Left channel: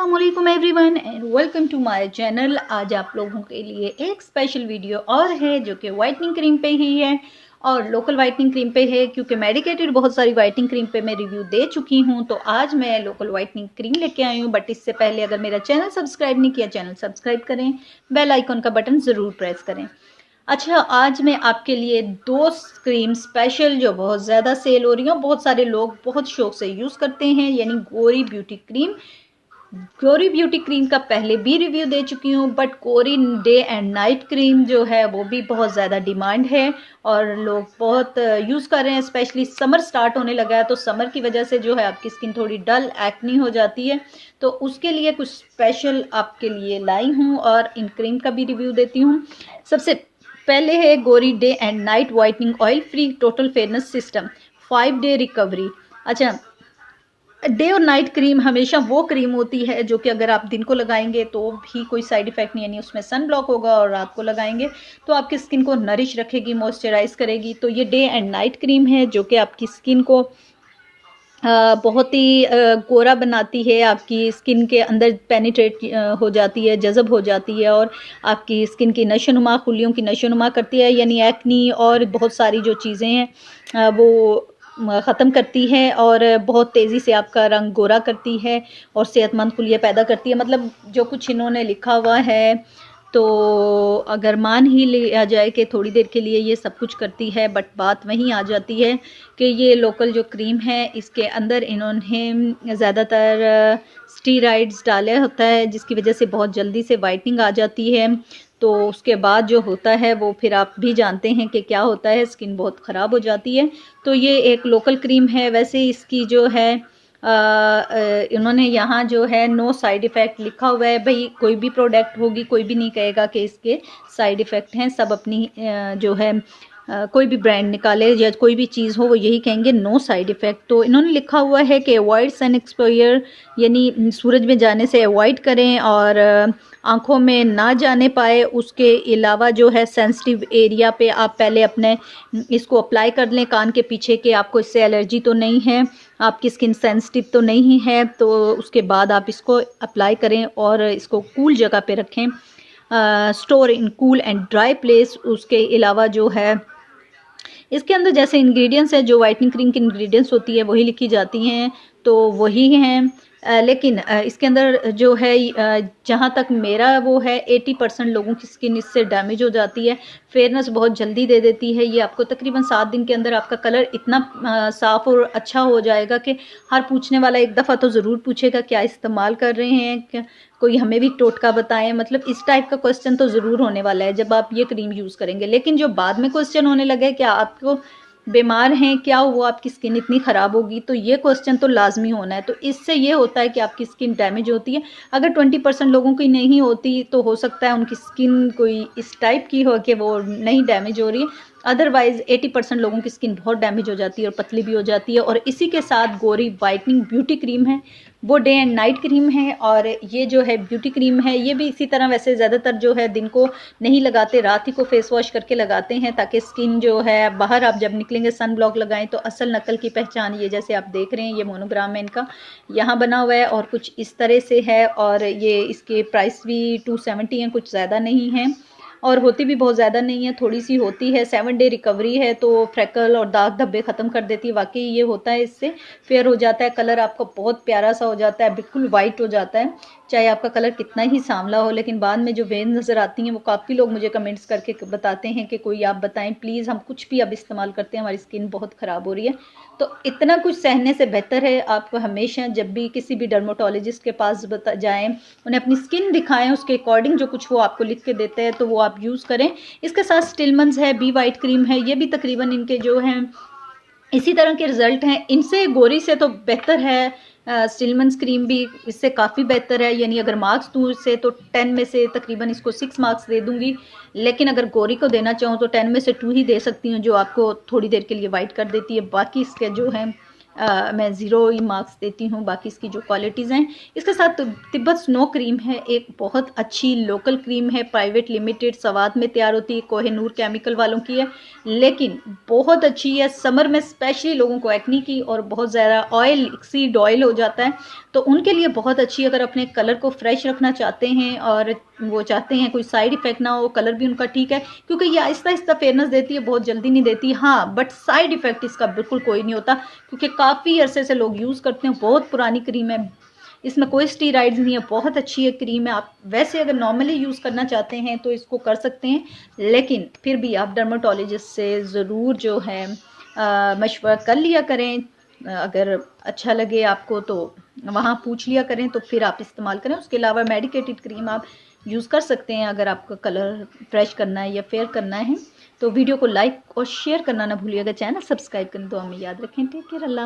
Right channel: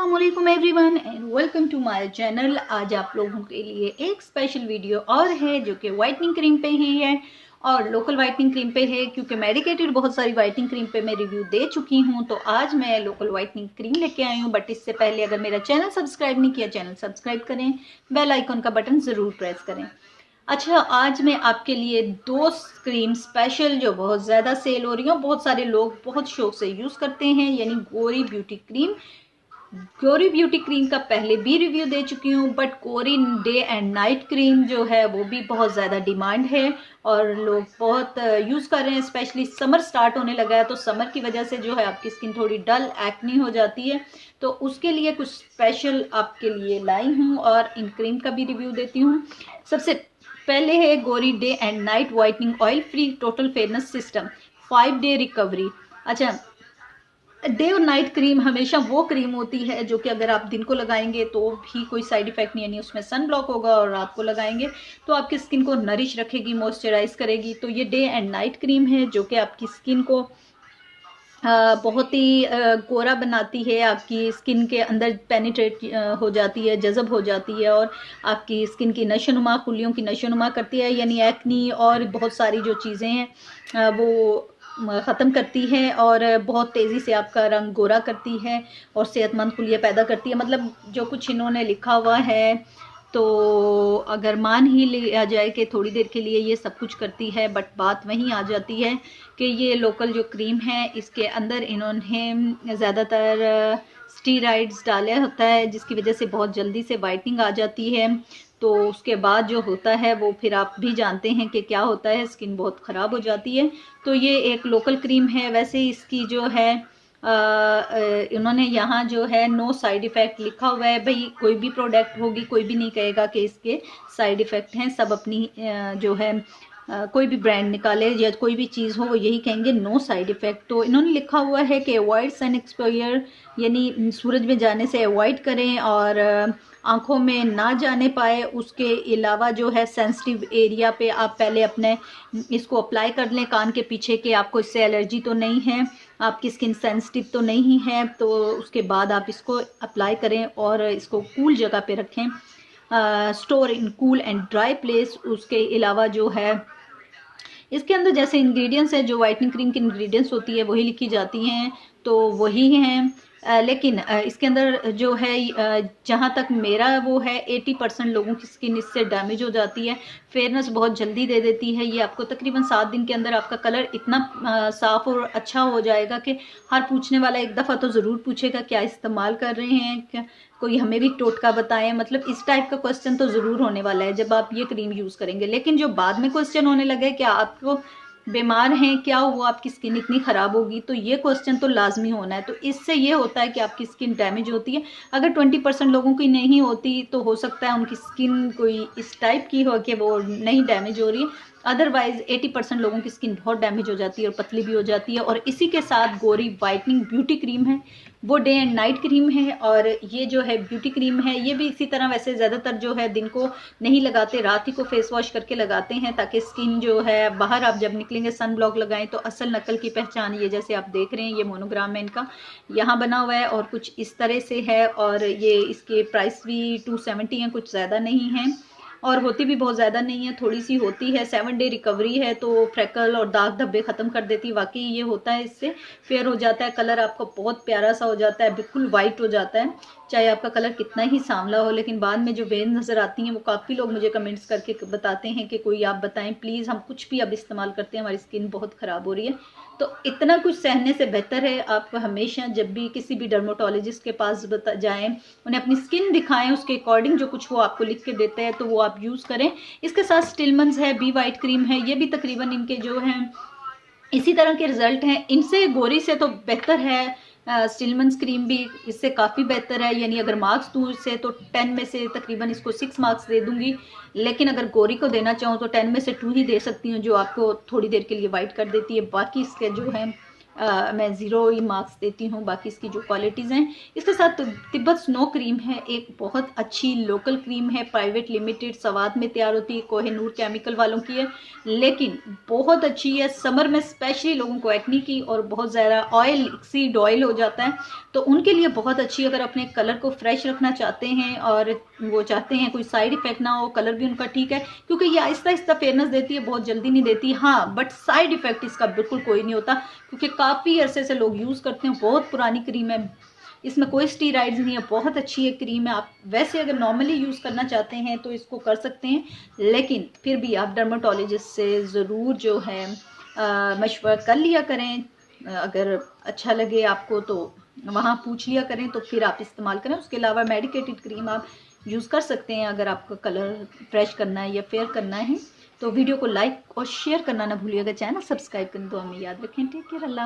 अस्सलामुअलैकुम everyone and welcome to my channel. आज आप लोगों के लिए एक स्पेशल वीडियो और है जो कि वाइटनिंग क्रीम पे ही है और लोकल वाइटनिंग क्रीम पे है, क्योंकि मेडिकेटेड बहुत सारी वाइटनिंग क्रीम पे मैं रिव्यू दे चुकी हूं। तो आज मैं लोकल वाइटनिंग क्रीम लेके आई हूं। बट इससे पहले अगर मेरा चैनल सब्सक्राइब नहीं किया, चैनल सब्सक्राइब करें, बेल आइकन का बटन ज़रूर प्रेस करें। अच्छा, आज मैं आपके लिए दो क्रीम स्पेशल जो बहुत ज़्यादा सेल हो रही हैं, बहुत सारे लोग बहुत शौक से यूज़ करते हैं, यानी गोरी ब्यूटी क्रीम। गोरी ब्यूटी क्रीम का पहले भी रिव्यू दे चुकी हूँ, बट गोरी डे एंड नाइट क्रीम जो है वो भी बहुत ज़्यादा डिमांड है और लोग बहुत यूज़ कर रहे हैं। स्पेशली समर स्टार्ट होने लगा है, तो समर की वजह से जो है आपकी स्किन थोड़ी डल एक्नी हो जाती है, तो उसके लिए कुछ स्पेशल आपके लिए लाई हूँ और इन क्रीम का भी रिव्यू देती हूँ। सबसे पहले है गोरी day and night whitening oil free total fairness system 5 day recovery. अच्छा, डे और नाइट क्रीम हमेशा वो क्रीम होती है जो कि अगर आप दिन को लगाएंगे तो भी कोई साइड इफेक्ट नहीं, यानी उसमें सन ब्लॉक होगा, और रात को लगाएंगे तो आपकी स्किन को नरिश रखेगी, मॉइस्चराइज करेगी। तो ये डे एंड नाइट क्रीम है जो कि आपकी स्किन को बहुत ही गोरा बनाती है, आपकी स्किन के अंदर पेनिट्रेट हो जाती है, जज़ब हो जाती है और आपकी स्किन की नशोनुमा, खुलियों की नशोनुमा करती है, यानी एक्नी और बहुत सारी जो चीज़ें हैं वो ख़त्म करती है और बहुत तेज़ी से आपका रंग गोरा करती है और सेहतमंद खुलियाँ पैदा करती है। मतलब जो कुछ इन्होंने लिखा हुआ है, तो अगर मान ही लिया जाए कि थोड़ी देर के लिए ये सब कुछ करती है, बट बात वहीं आ जाती है कि ये लोकल जो क्रीम है इसके अंदर इन्होंने ज़्यादातर स्टीराइड्स डाले होता है, जिसकी वजह से बहुत जल्दी से वाइटनिंग आ जाती है। तो उसके बाद जो होता है वो फिर आप भी जानते हैं कि क्या होता है, स्किन बहुत ख़राब हो जाती है। तो ये एक लोकल क्रीम है। वैसे इसकी जो है इन्होंने यहाँ जो है नो साइड इफ़ेक्ट लिखा हुआ है। भाई कोई भी प्रोडक्ट होगी, कोई भी नहीं कहेगा कि इसके साइड इफ़ेक्ट हैं, सब अपनी जो है कोई भी ब्रांड निकाले या कोई भी चीज़ हो वो यही कहेंगे नो साइड इफ़ेक्ट। तो इन्होंने लिखा हुआ है कि अवॉइड सन एक्सपोजर, यानी सूरज में जाने से अवॉइड करें और आँखों में ना जाने पाए। उसके अलावा जो है सेंसिटिव एरिया पे आप पहले अपने इसको अप्लाई कर लें, कान के पीछे, कि आपको इससे एलर्जी तो नहीं है, आपकी स्किन सेंसिटिव तो नहीं है। तो उसके बाद आप इसको अप्लाई करें और इसको कूल जगह पे रखें, store in cool and dry place. उसके अलावा जो है इसके अंदर जैसे इंग्रेडिएंट्स हैं, जो वाइटनिंग क्रीम की इंग्रेडिएंट्स होती है वही लिखी जाती हैं, तो वही हैं। लेकिन इसके अंदर जो है जहाँ तक मेरा वो है 80% लोगों की स्किन इससे डैमेज हो जाती है। फेयरनेस बहुत जल्दी दे देती है। ये आपको तकरीबन 7 दिन के अंदर आपका कलर इतना साफ़ और अच्छा हो जाएगा कि हर पूछने वाला एक दफ़ा तो ज़रूर पूछेगा क्या इस्तेमाल कर रहे हैं, क्या कोई हमें भी टोटका बताएं। मतलब इस टाइप का क्वेश्चन तो ज़रूर होने वाला है जब आप ये क्रीम यूज़ करेंगे। लेकिन जो बाद में क्वेश्चन होने लगे क्या आपको बीमार हैं, क्या हुआ, आपकी स्किन इतनी ख़राब होगी, तो ये क्वेश्चन तो लाजमी होना है। तो इससे ये होता है कि आपकी स्किन डैमेज होती है। अगर 20% लोगों की नहीं होती तो हो सकता है उनकी स्किन कोई इस टाइप की हो कि वो नहीं डैमेज हो रही है। अदरवाइज़ 80% लोगों की स्किन बहुत डैमेज हो जाती है और पतली भी हो जाती है। और इसी के साथ गोरी वाइटनिंग ब्यूटी क्रीम है, वो डे एंड नाइट क्रीम है। और ये जो है ब्यूटी क्रीम है, ये भी इसी तरह वैसे ज़्यादातर जो है दिन को नहीं लगाते, रात ही को फेस वॉश करके लगाते हैं, ताकि स्किन जो है बाहर आप जब निकलेंगे सन ब्लॉक लगाएं तो असल नकल की पहचान ये जैसे आप देख रहे हैं, ये मोनोग्राम है इनका यहाँ बना हुआ है और कुछ इस तरह से है। और ये इसके प्राइस भी 270 हैं, कुछ ज़्यादा नहीं है और होती भी बहुत ज़्यादा नहीं है, थोड़ी सी होती है। 7 डे रिकवरी है, तो फ्रैकल और दाग धब्बे ख़त्म कर देती है। वाकई ये होता है, इससे फेयर हो जाता है, कलर आपका बहुत प्यारा सा हो जाता है, बिल्कुल वाइट हो जाता है, चाहे आपका कलर कितना ही सांवला हो। लेकिन बाद में जो वेन्स नज़र आती हैं वो काफ़ी लोग मुझे कमेंट्स करके बताते हैं कि कोई आप बताएं प्लीज़, हम कुछ भी अब इस्तेमाल करते हैं हमारी स्किन बहुत ख़राब हो रही है। तो इतना कुछ सहने से बेहतर है आप हमेशा जब भी किसी भी डर्माटोलॉजिस्ट के पास जाएं, उन्हें अपनी स्किन दिखाएं, उसके अकॉर्डिंग जो कुछ वो आपको लिख के देते हैं तो वो आप यूज़ करें। इसके साथ स्टिलमंस है, बी वाइट क्रीम है, ये भी तकरीबन इनके जो हैं इसी तरह के रिज़ल्ट हैं। इनसे गोरी से तो बेहतर है, स्टिलमंस क्रीम भी इससे काफ़ी बेहतर है। यानी अगर मार्क्स दूँ इससे तो 10 में से तकरीबन इसको 6 मार्क्स दे दूँगी। लेकिन अगर गोरी को देना चाहूँ तो 10 में से 2 ही दे सकती हूँ, जो आपको थोड़ी देर के लिए वाइट कर देती है। बाकी इसके जो है मैं ज़ीरो ही मार्क्स देती हूँ। बाकी इसकी जो क्वालिटीज़ हैं, इसके साथ तो तिब्बत स्नो क्रीम है, एक बहुत अच्छी लोकल क्रीम है, प्राइवेट लिमिटेड सवाद में तैयार होती है, कोहिनूर केमिकल वालों की है, लेकिन बहुत अच्छी है। समर में स्पेशली लोगों को एक्नी की और बहुत ज़्यादा ऑयल, एक्सीड ऑयल हो जाता है, तो उनके लिए बहुत अच्छी। अगर अपने कलर को फ्रेश रखना चाहते हैं और वो चाहते हैं कोई साइड इफ़ेक्ट ना हो, कलर भी उनका ठीक है, क्योंकि ये आहिस्ता आहिस्ता फेयरनेस देती है, बहुत जल्दी नहीं देती। हाँ, बट साइड इफ़ेक्ट इसका बिल्कुल कोई नहीं होता, क्योंकि काफ़ी अरसे से लोग यूज़ करते हैं। बहुत पुरानी क्रीम है, इसमें कोई स्टीराइड्स नहीं है, बहुत अच्छी है क्रीम है। आप वैसे अगर नॉर्मली यूज़ करना चाहते हैं तो इसको कर सकते हैं, लेकिन फिर भी आप डर्माटोलॉजिस्ट से ज़रूर जो है मशवरा कर लिया करें। अगर अच्छा लगे आपको तो वहाँ पूछ लिया करें, तो फिर आप इस्तेमाल करें। उसके अलावा मेडिकेटेड क्रीम आप यूज़ कर सकते हैं अगर आपका कलर फ्रेश करना है या फेयर करना है। तो वीडियो को लाइक और शेयर करना ना भूलिएगा, चैनल सब्सक्राइब करना तो हमें याद रखें। टेक केयर, अल्लाह।